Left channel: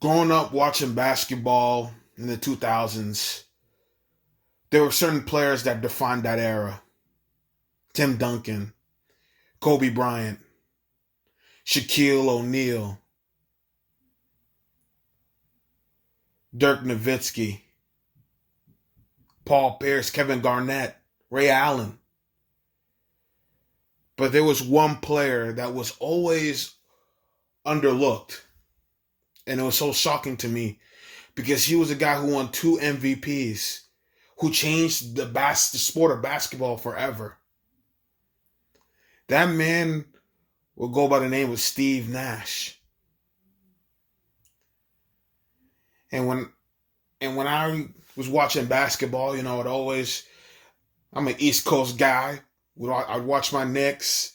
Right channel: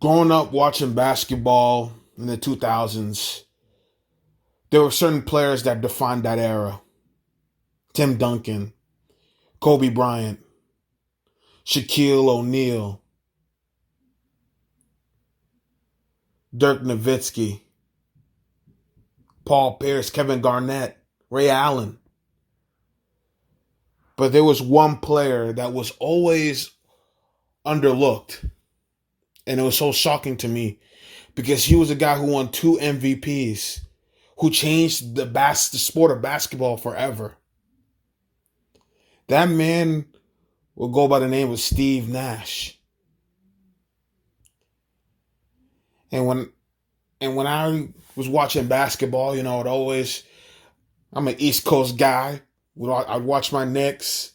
Growing up watching basketball in the 2000s, there were certain players that defined that era. Tim Duncan, Kobe Bryant, Shaquille O'Neal, Dirk Nowitzki, Paul Pierce, Kevin Garnett, Ray Allen. But there was one player that was always underlooked. And it was so shocking to me because he was a guy who won 2 MVPs, who changed the sport of basketball forever. That man will go by the name of Steve Nash. And when I was watching basketball, I'm an East Coast guy. I'd watch my Knicks,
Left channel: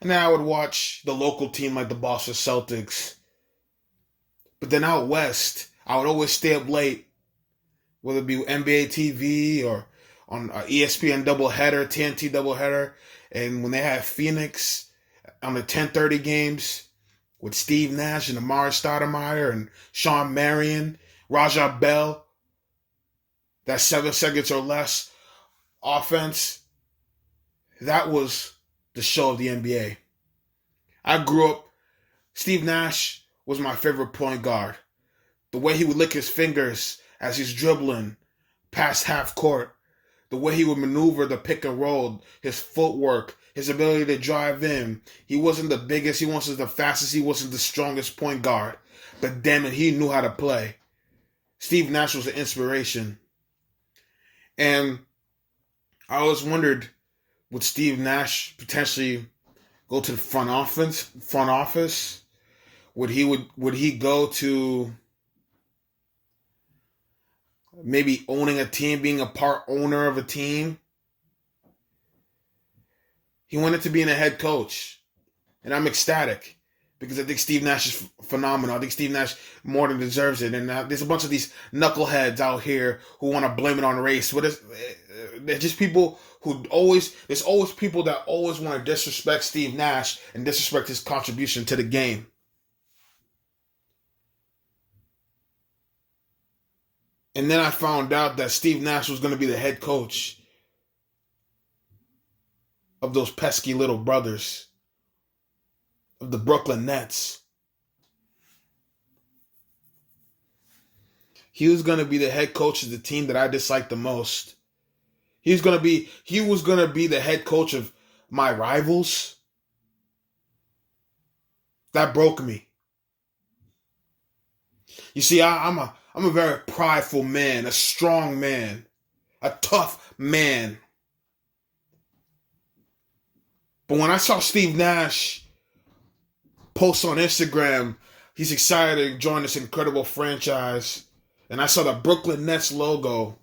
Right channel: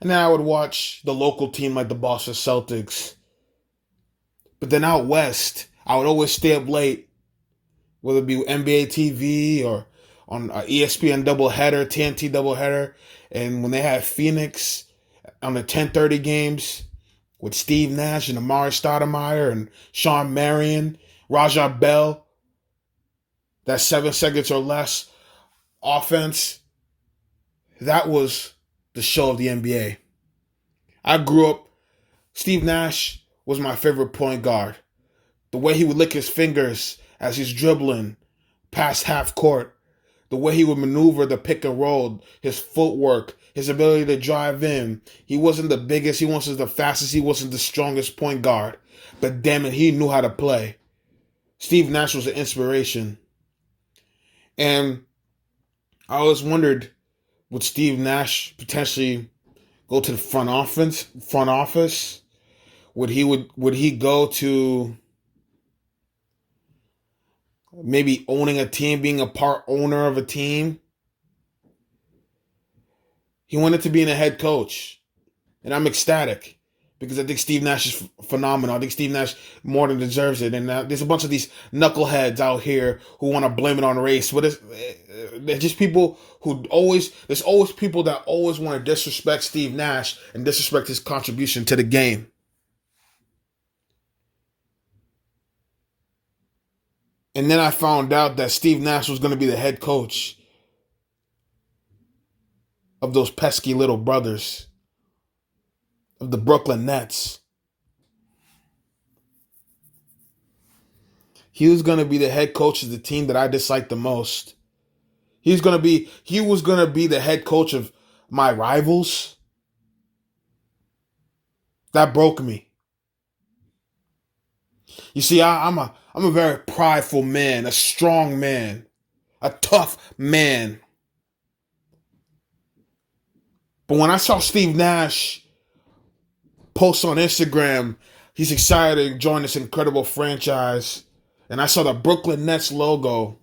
and then I would watch the local team like the Boston Celtics. But then out west, I would always stay up late, whether it be NBA TV or on ESPN doubleheader, TNT doubleheader. And when they had Phoenix on the 10:30 games with Steve Nash and Amari Stoudemire and Sean Marion, Raja Bell, that 7 seconds or less offense, that was the show of the NBA. I grew up, Steve Nash was my favorite point guard. The way he would lick his fingers as he's dribbling past half court, the way he would maneuver the pick and roll, his footwork, his ability to drive in. He wasn't the biggest, he wasn't the fastest, he wasn't the strongest point guard. But damn it, he knew how to play. Steve Nash was an inspiration. And I always wondered, would Steve Nash potentially go to the front office? Would he go to maybe owning a team, being a part owner of a team? He wanted to be a head coach. And I'm ecstatic because I think Steve Nash is phenomenal. I think Steve Nash more than deserves it. And there's a bunch of these knuckleheads out here who want to blame it on race. They're just people there's always people that always want to disrespect Steve Nash and disrespect his contribution to the game. And then I found out that Steve Nash was going to be the head coach of those pesky little brothers of the Brooklyn Nets. He was going to be the head coach of the team that I dislike the most. He was going to be the head coach of my rivals. That broke me. You see, I'm a very prideful man, a strong man, a tough man. But when I saw Steve Nash post on Instagram, he's excited to join this incredible franchise, and I saw the Brooklyn Nets logo,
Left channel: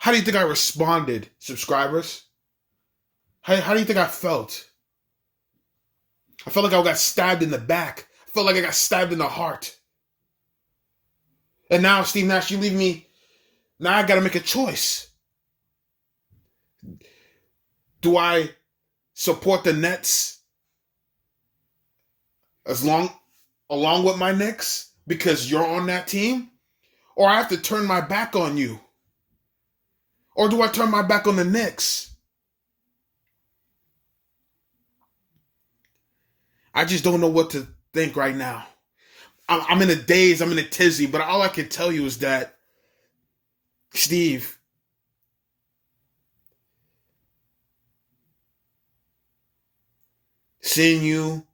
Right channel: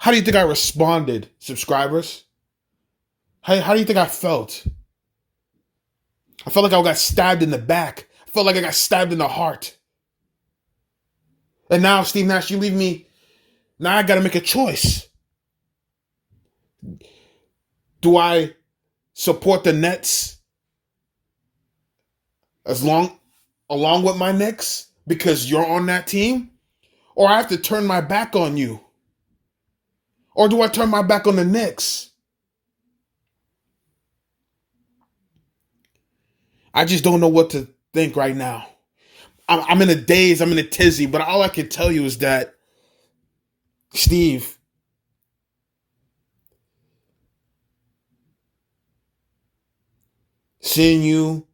how do you think I responded, subscribers? How do you think I felt? I felt like I got stabbed in the back. I felt like I got stabbed in the heart. And now, Steve Nash, you leave me. Now I got to make a choice. Do I support the Nets along with my Knicks because you're on that team? Or I have to turn my back on you? Or do I turn my back on the Knicks? I just don't know what to think right now. I'm in a daze, I'm in a tizzy, but all I can tell you is that, Steve, seeing you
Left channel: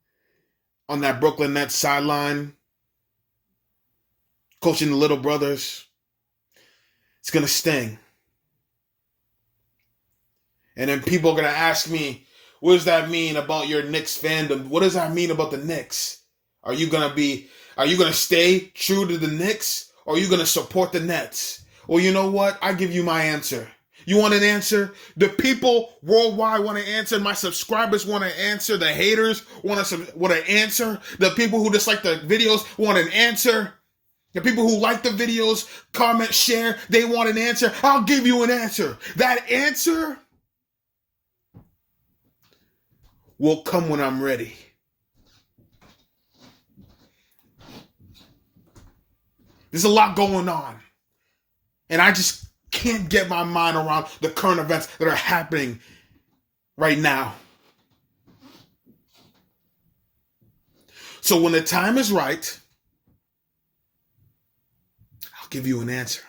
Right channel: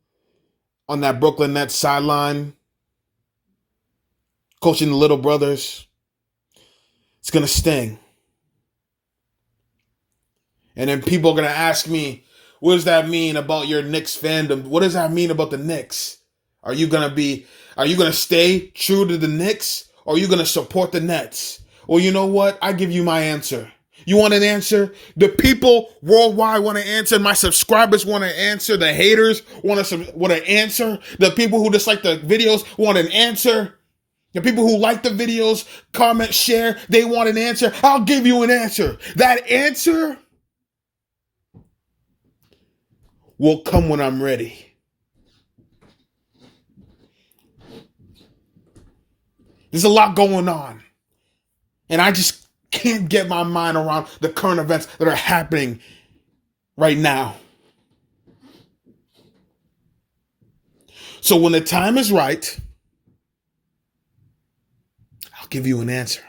on that Brooklyn Nets sideline, coaching the little brothers, it's going to sting. And then people are going to ask me, what does that mean about your Knicks fandom? What does that mean about the Knicks? Are you going to stay true to the Knicks, or are you going to support the Nets? Well, you know what? I give you my answer. You want an answer? The people worldwide want an answer. My subscribers want an answer. The haters want an answer. The people who dislike the videos want an answer. The people who like the videos, comment, share, they want an answer. I'll give you an answer. That answer will come when I'm ready. There's a lot going on. And I just can't get my mind around the current events that are happening right now. So when the time is right, I'll give you an answer.